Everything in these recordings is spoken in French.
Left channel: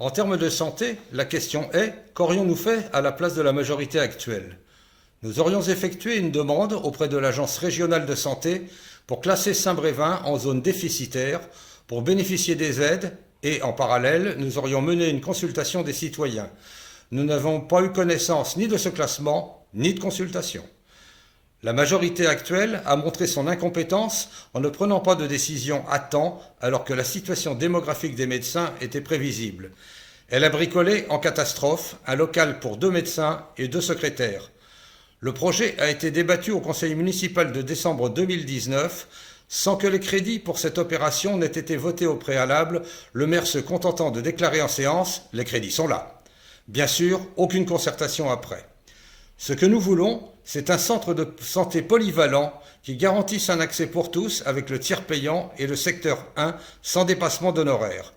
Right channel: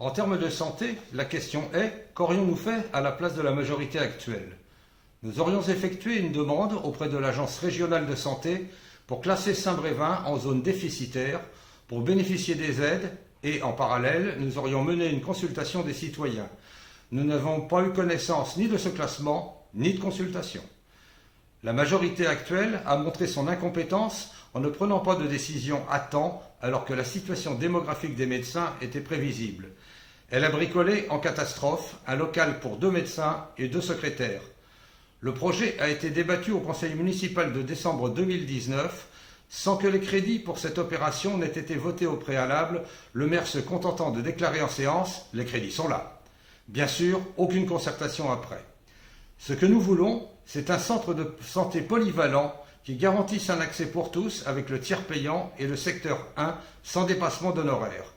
En termes de santé, la question est, qu'aurions-nous fait à la place de la majorité actuelle? Nous aurions effectué une demande auprès de l'Agence régionale de santé pour classer Saint-Brévin en zone déficitaire pour bénéficier des aides et, en parallèle, nous aurions mené une consultation des citoyens. Nous n'avons pas eu connaissance ni de ce classement, ni de consultation. La majorité actuelle a montré son incompétence en ne prenant pas de décision à temps alors que la situation démographique des médecins était prévisible. Elle a bricolé en catastrophe un local pour 2 médecins et 2 secrétaires. Le projet a été débattu au conseil municipal de décembre 2019 sans que les crédits pour cette opération n'aient été votés au préalable, le maire se contentant de déclarer en séance « les crédits sont là ». Bien sûr, aucune concertation après. Ce que nous voulons, c'est un centre de santé polyvalent qui garantisse un accès pour tous avec le tiers payant et le secteur 1 sans dépassement d'honoraires.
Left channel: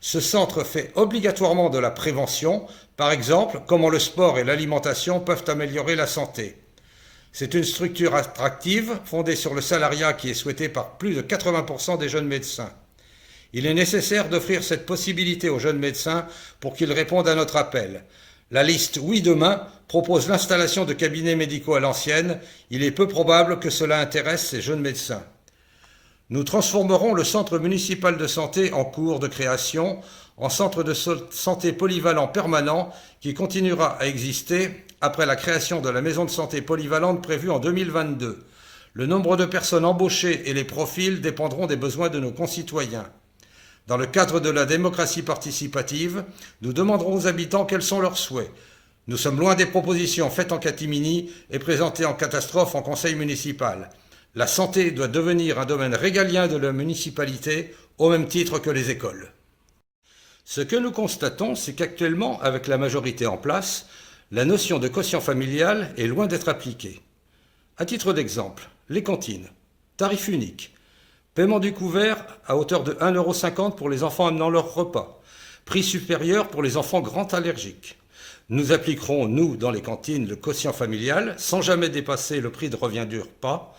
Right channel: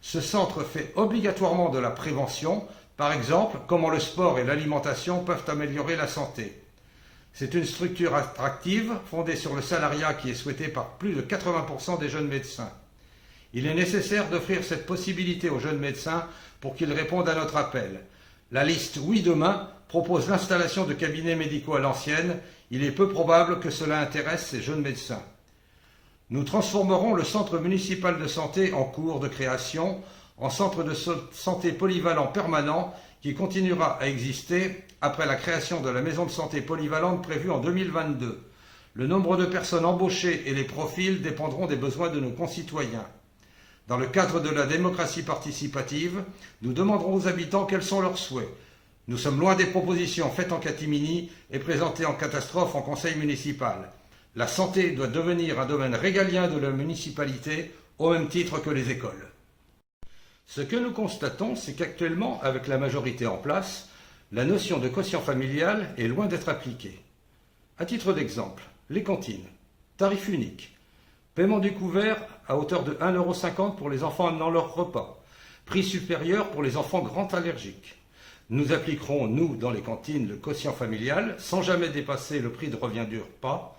Ce centre fait obligatoirement de la prévention, par exemple comment le sport et l'alimentation peuvent améliorer la santé. C'est une structure attractive fondée sur le salariat qui est souhaité par plus de 80% des jeunes médecins. Il est nécessaire d'offrir cette possibilité aux jeunes médecins pour qu'ils répondent à notre appel. La liste Oui Demain propose l'installation de cabinets médicaux à l'ancienne. Il est peu probable que cela intéresse ces jeunes médecins. Nous transformerons le centre municipal de santé en cours de création en centre de santé polyvalent permanent qui continuera à exister après la création de la maison de santé polyvalente prévue en 2022. Le nombre de personnes embauchées et les profils dépendront des besoins de nos concitoyens. Dans le cadre de la démocratie participative, nous demanderons aux habitants quels sont leurs souhaits. Nous sommes loin des propositions faites en catimini et présentées en catastrophe en conseil municipal. La santé doit devenir un domaine régalien de la municipalité au même titre que les écoles. Ce que nous constatons, c'est qu'actuellement, avec la majorité en place, la notion de quotient familial est loin d'être appliquée. À titre d'exemple, les cantines, tarif unique, paiement du couvert à hauteur de 1,50 € pour les enfants amenant leur repas, prix supérieur pour les enfants grands allergiques. Nous appliquerons, nous, dans les cantines, le quotient familial sans jamais dépasser le prix de revient du repas.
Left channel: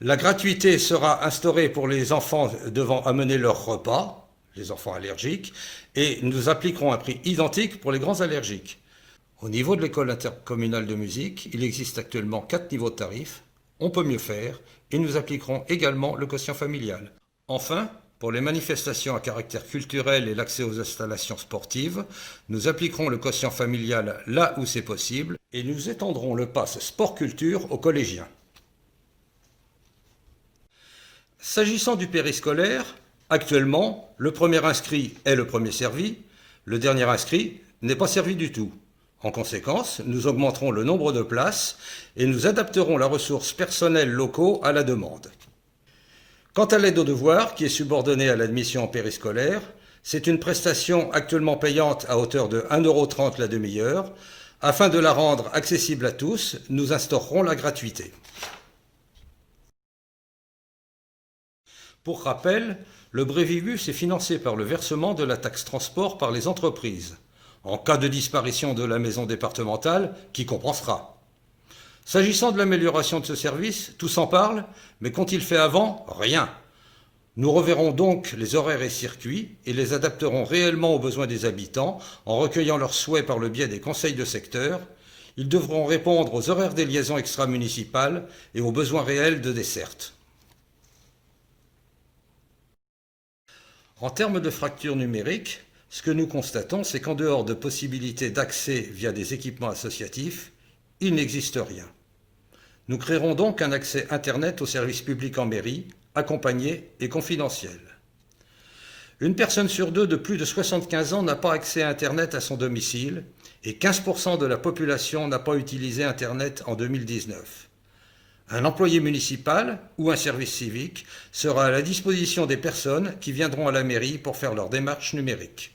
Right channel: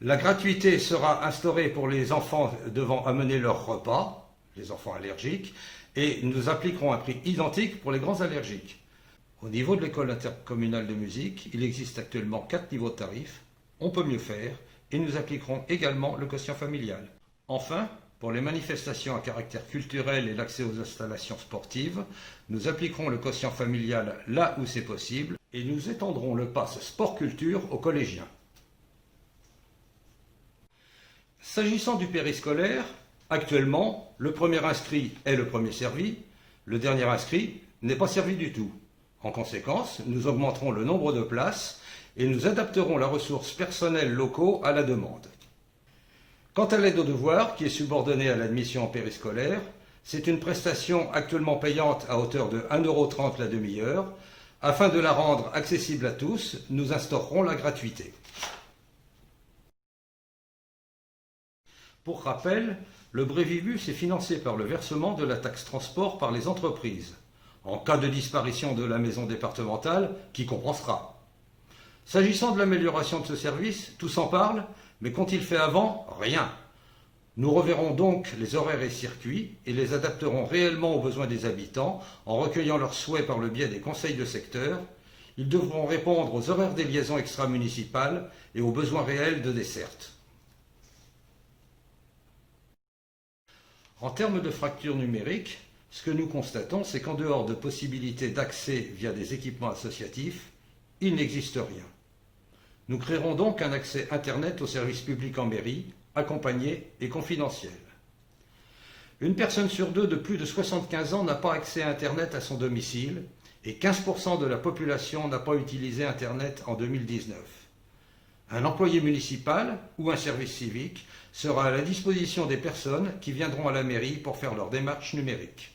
La gratuité sera instaurée pour les enfants devant amener leur repas, les enfants allergiques, et nous appliquerons un prix identique pour les grands allergiques. Au niveau de l'école intercommunale de musique, il existe actuellement 4 niveaux de tarifs. On peut mieux faire et nous appliquerons également le quotient familial. Enfin, pour les manifestations à caractère culturel et l'accès aux installations sportives, nous appliquerons le quotient familial là où c'est possible et nous étendrons le pass sport-culture aux collégiens. S'agissant du périscolaire, actuellement, le premier inscrit est le premier servi, le dernier inscrit n'est pas servi du tout. En conséquence, nous augmenterons le nombre de places et nous adapterons la ressource personnelle locaux à la demande. Quant à l'aide aux devoirs, qui est subordonnée à l'admission en périscolaire, c'est une prestation actuellement payante à hauteur de 1,30 € la demi-heure. Afin de la rendre accessible à tous, nous instaurerons la gratuité. Pour rappel, le Brévibus est financé par le versement de la taxe transport par les entreprises. En cas de disparition de la maison départementale, qui compensera? S'agissant de l'amélioration de ce service, tous en parlent, mais qu'ont-ils fait avant? Rien. Nous reverrons donc les horaires et circuits et les adapterons réellement aux besoins des habitants en recueillant leurs souhaits par le biais des conseils de secteur. Ils devront répondre aux horaires des liaisons extra-municipales et aux besoins réels de desserte. En termes de fracture numérique, ce que nous constatons, c'est qu'en dehors de possibilités d'accès via des équipements associatifs, il n'existe rien. Nous créerons donc un accès Internet aux services publics en mairie, accompagné et confidentiel. Une personne sur 2 de plus de 75 ans n'a pas accès à Internet à son domicile et 15% de la population n'a pas utilisé Internet en 2019. Un employé municipal ou un service civique sera à la disposition des personnes qui viendront à la mairie pour faire leurs démarches numériques.